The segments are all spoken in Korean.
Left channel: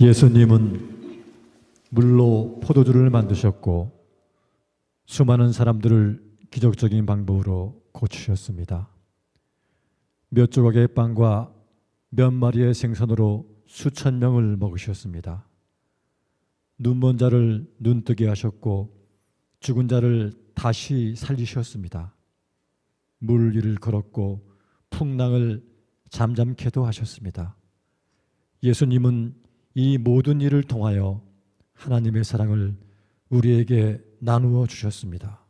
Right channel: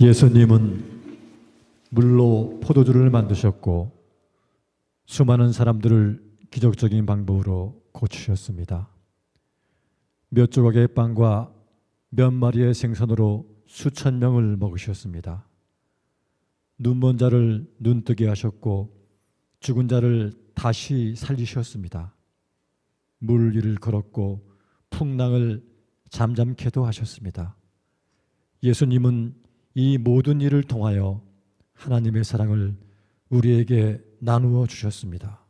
예수님은 물로 포도주를 만드셨고 수많은 사람들을 기적적인 방법으로 고치셨습니다. 몇 조각의 빵과 몇 마리의 생선으로 수천 명을 먹으셨습니다. 눈먼 자를 눈뜨게 하셨고 죽은 자를 다시 살리셨습니다. 물 위를 걸었고 풍랑을 잠잠케도 하셨습니다. 예수님은 이 모든 일을 통하여 하나님의 사랑을 우리에게 나누어 주셨습니다.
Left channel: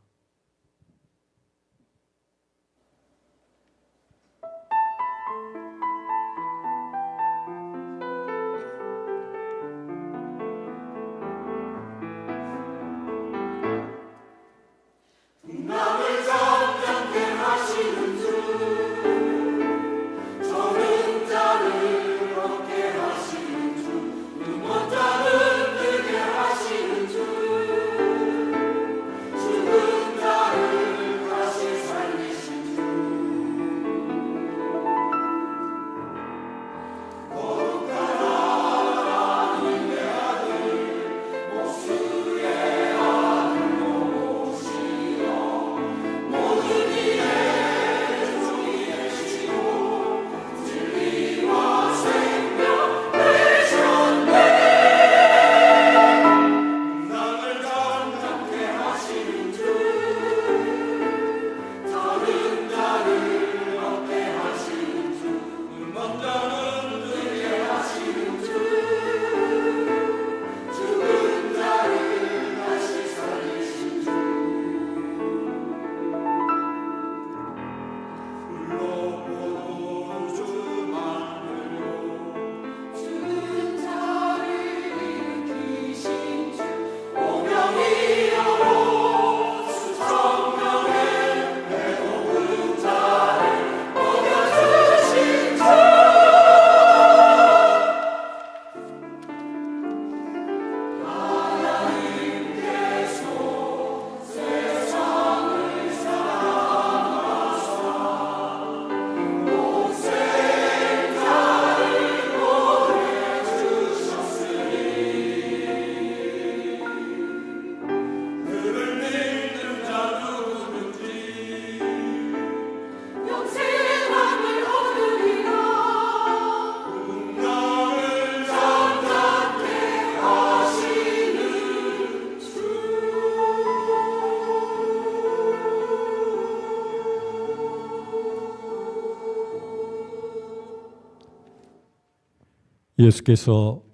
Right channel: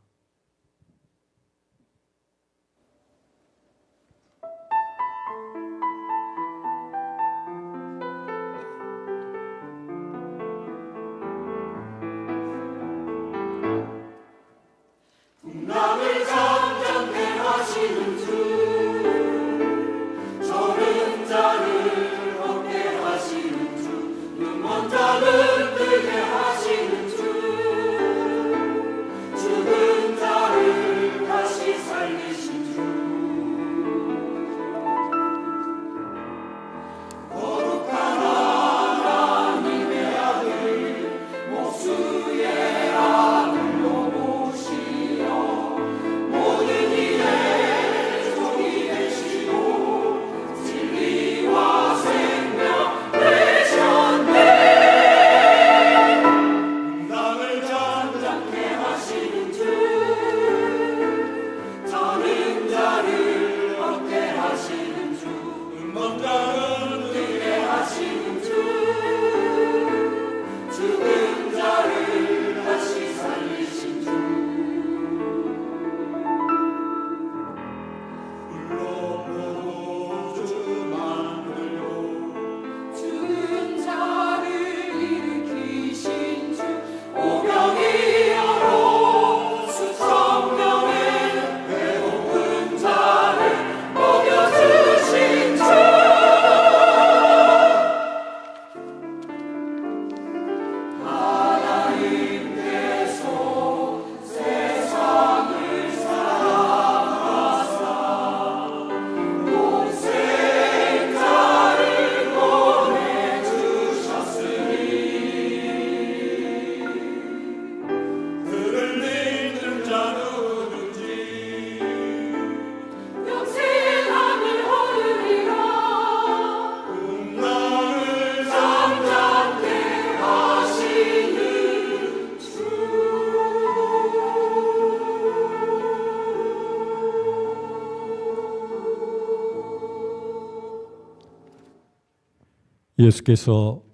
예수께서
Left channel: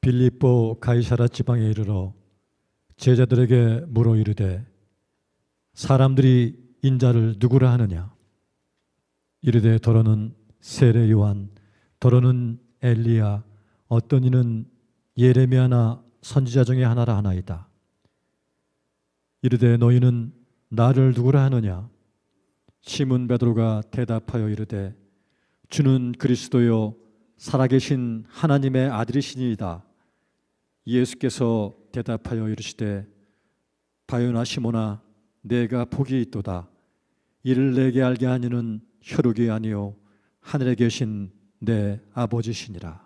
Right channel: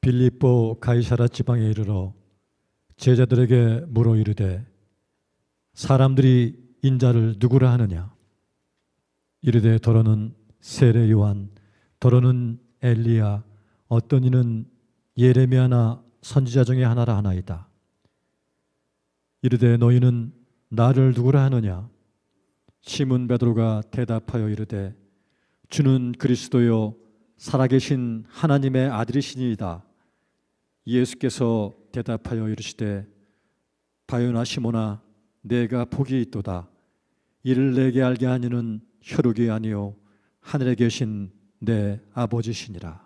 빌립보 가이사라 지방에 이르러 제자들에게 물어 이르되 사람들이 인자를 누구라 하느냐? 이르되 더러는 세례 요한 더러는 엘리야 어떤 이는 예레미야나 선지자 중에 하나라 하나이다. 이르되 너희는 나를 누구라 하느냐? 시몬 베드로가 대답하여 이르되 주는 그리스도요 살아계신 하나님의 아들이시니이다. 예수께서 대답하여 이르시되 바요나 시모나 내가 복이 있도다. 이를 내게 알게 하니는 혈육이 아니요 하늘에 계신 내 아버지시니라.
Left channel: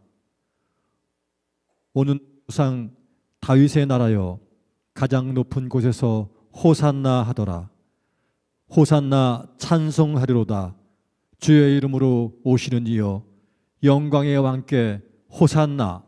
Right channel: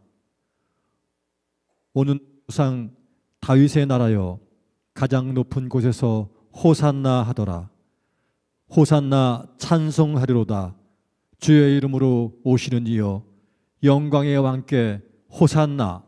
오는 상 다윗의 나라여 가장 높은 곳에서 호산나 하더라. 호산나 찬송하리로다. 주의 이름으로 오시는 이여 영광의 왕께 호산나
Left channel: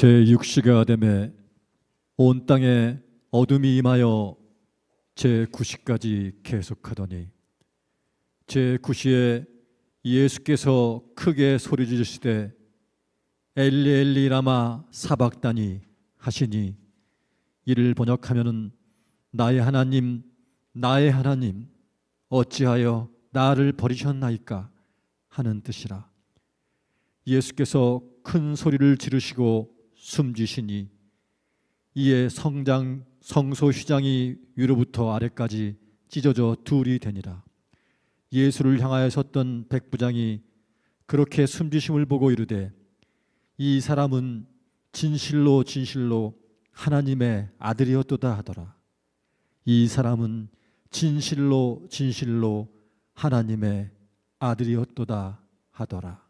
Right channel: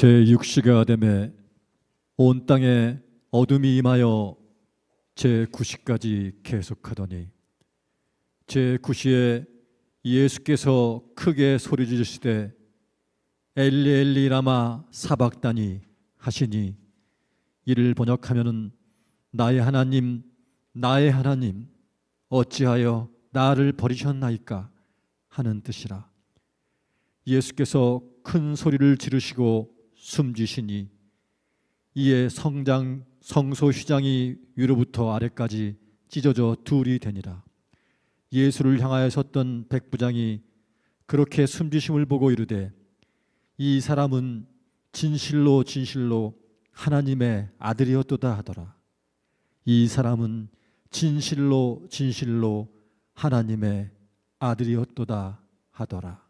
제 6시가 되매 온 땅에 어둠이 임하여 제 9시까지 계속하더니 제 9시에 예수께서 크게 소리 지르시되 엘리 엘리 라마 사박다니 하시니 이를 번역하면은 나의 하나님 나의 하나님 어찌하여 나를 버리셨나이까 하는 뜻이라. 예수께서 큰 소리를 지르시고 숨지시니 이에 성장 성소 휘장이 위로부터 아래까지 찢어져 둘이 되니라. 예수를 향하여 섰던 백부장이 그렇게 숨지심을 보고 이르되 이 사람은 진실로 진실로 하나님의 아들이었도다 하더라. 이 사람은 진실로 진실로 하나님의 아들이었도다 하더라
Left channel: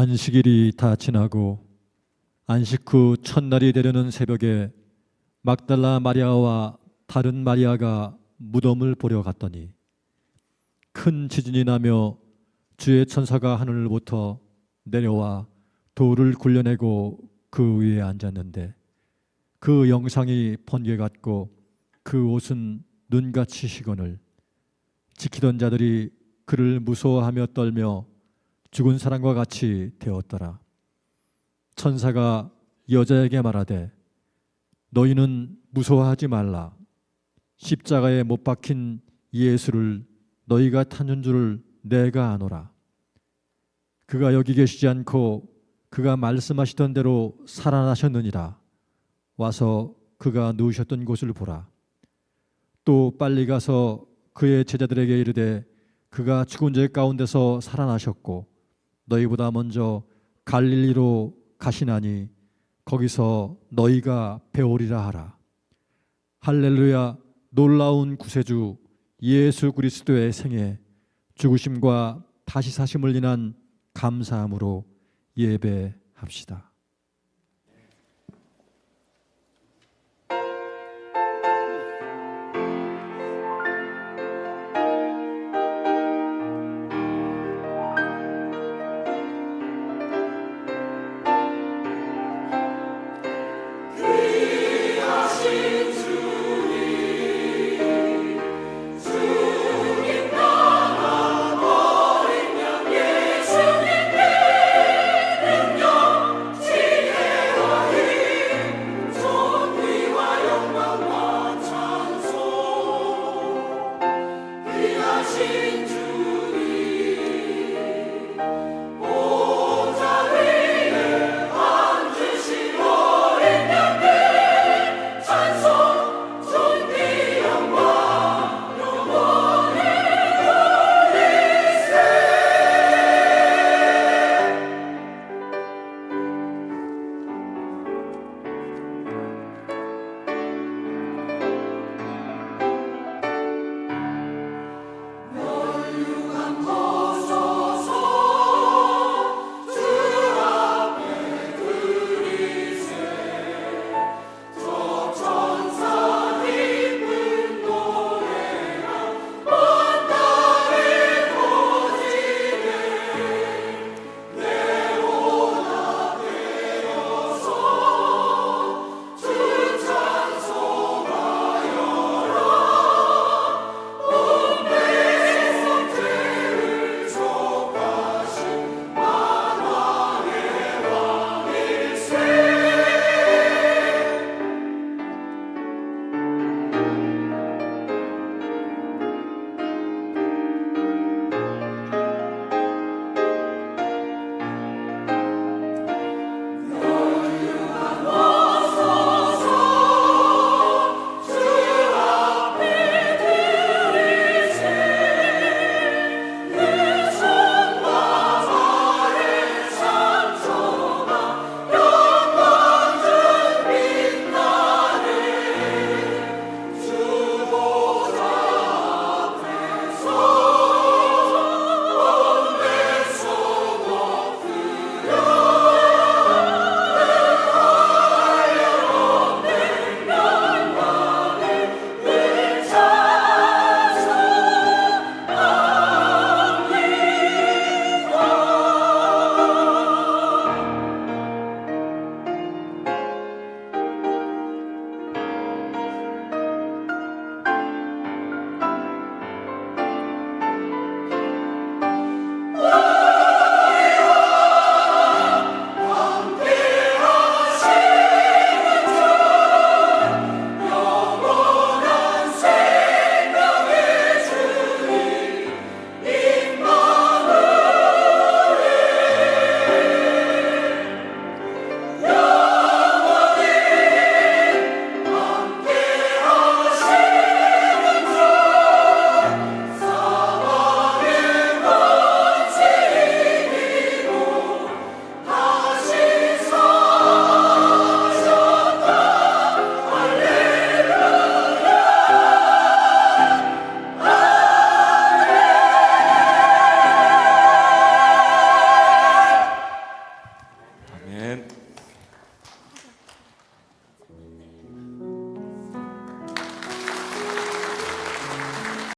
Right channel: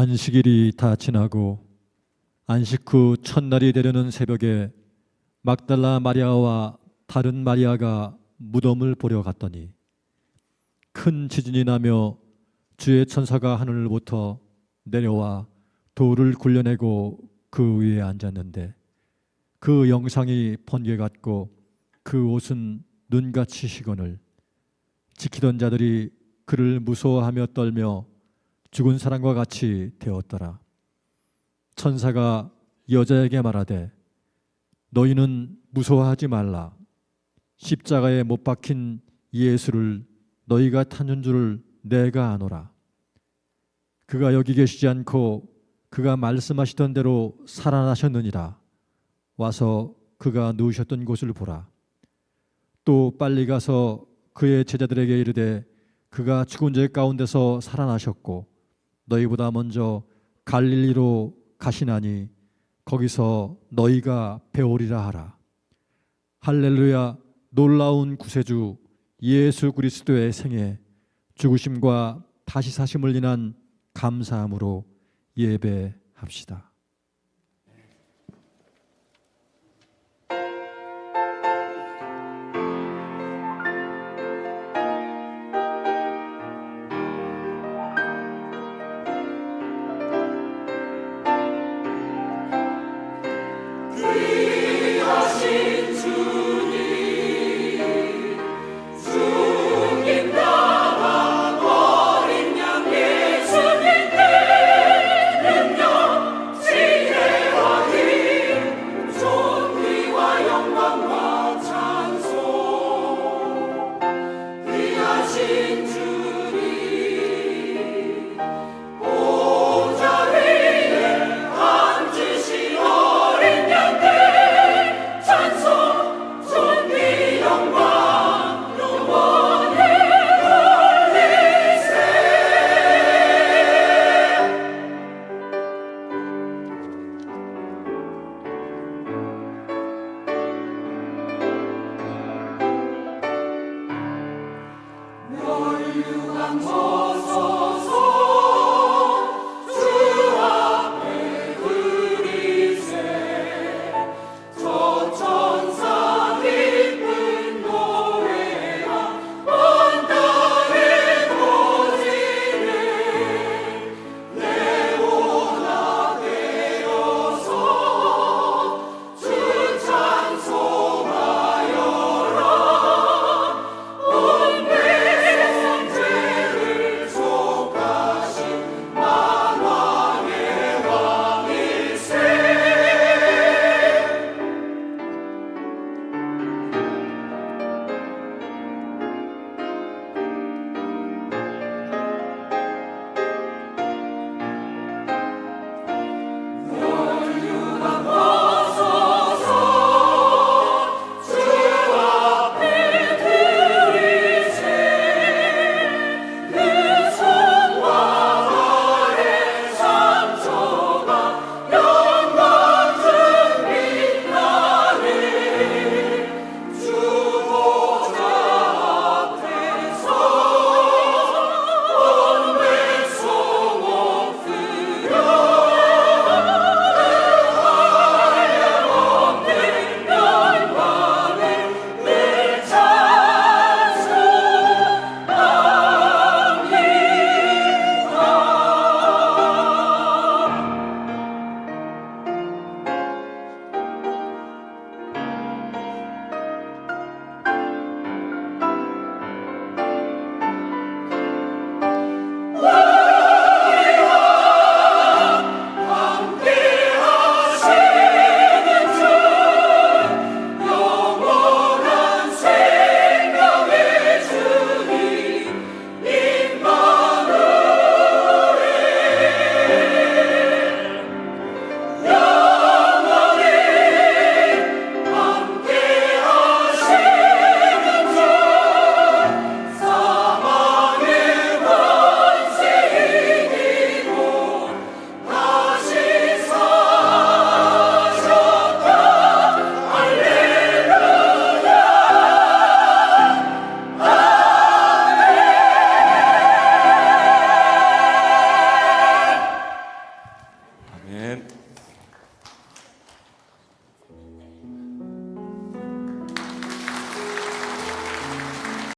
안식일이 다 지나고 안식 후 첫날이 되려는 새벽에 막달라 마리아와 다른 마리아가 무덤을 보려 갔더니 큰 지진이 나며 주의 천사가 하늘로부터 내려와 돌을 굴려내고 그 위에 앉았는데 그 영상이 번개 같고 그 옷은 눈같이 시건을 지키던 자들이 그를 무서워하며 떨며 죽은 사람과 같이 되었더라. 천사가 여자에게 말하되 너희는 무서워하지 말라. 십자가에 못 박힌 예수를 너희가 타는 줄을 내가 아노라. 그가 여기 계시지 않고 그가 말씀하시던 대로 살아나셨느니라. 와서 그가 누우셨던 곳을 보라. 또 빨리 가서 그의 제자들에게 이르되 그가 죽은 자 가운데서 살아나셨고 너희보다 먼저 갈릴리로 가시나니 거기서 너희가 배우리라 하라. 할렐루야 놀라운 구세주 예수 그리스도의 생애 죽으심과 다시 사심을 인한 감사함으로 예배합시다.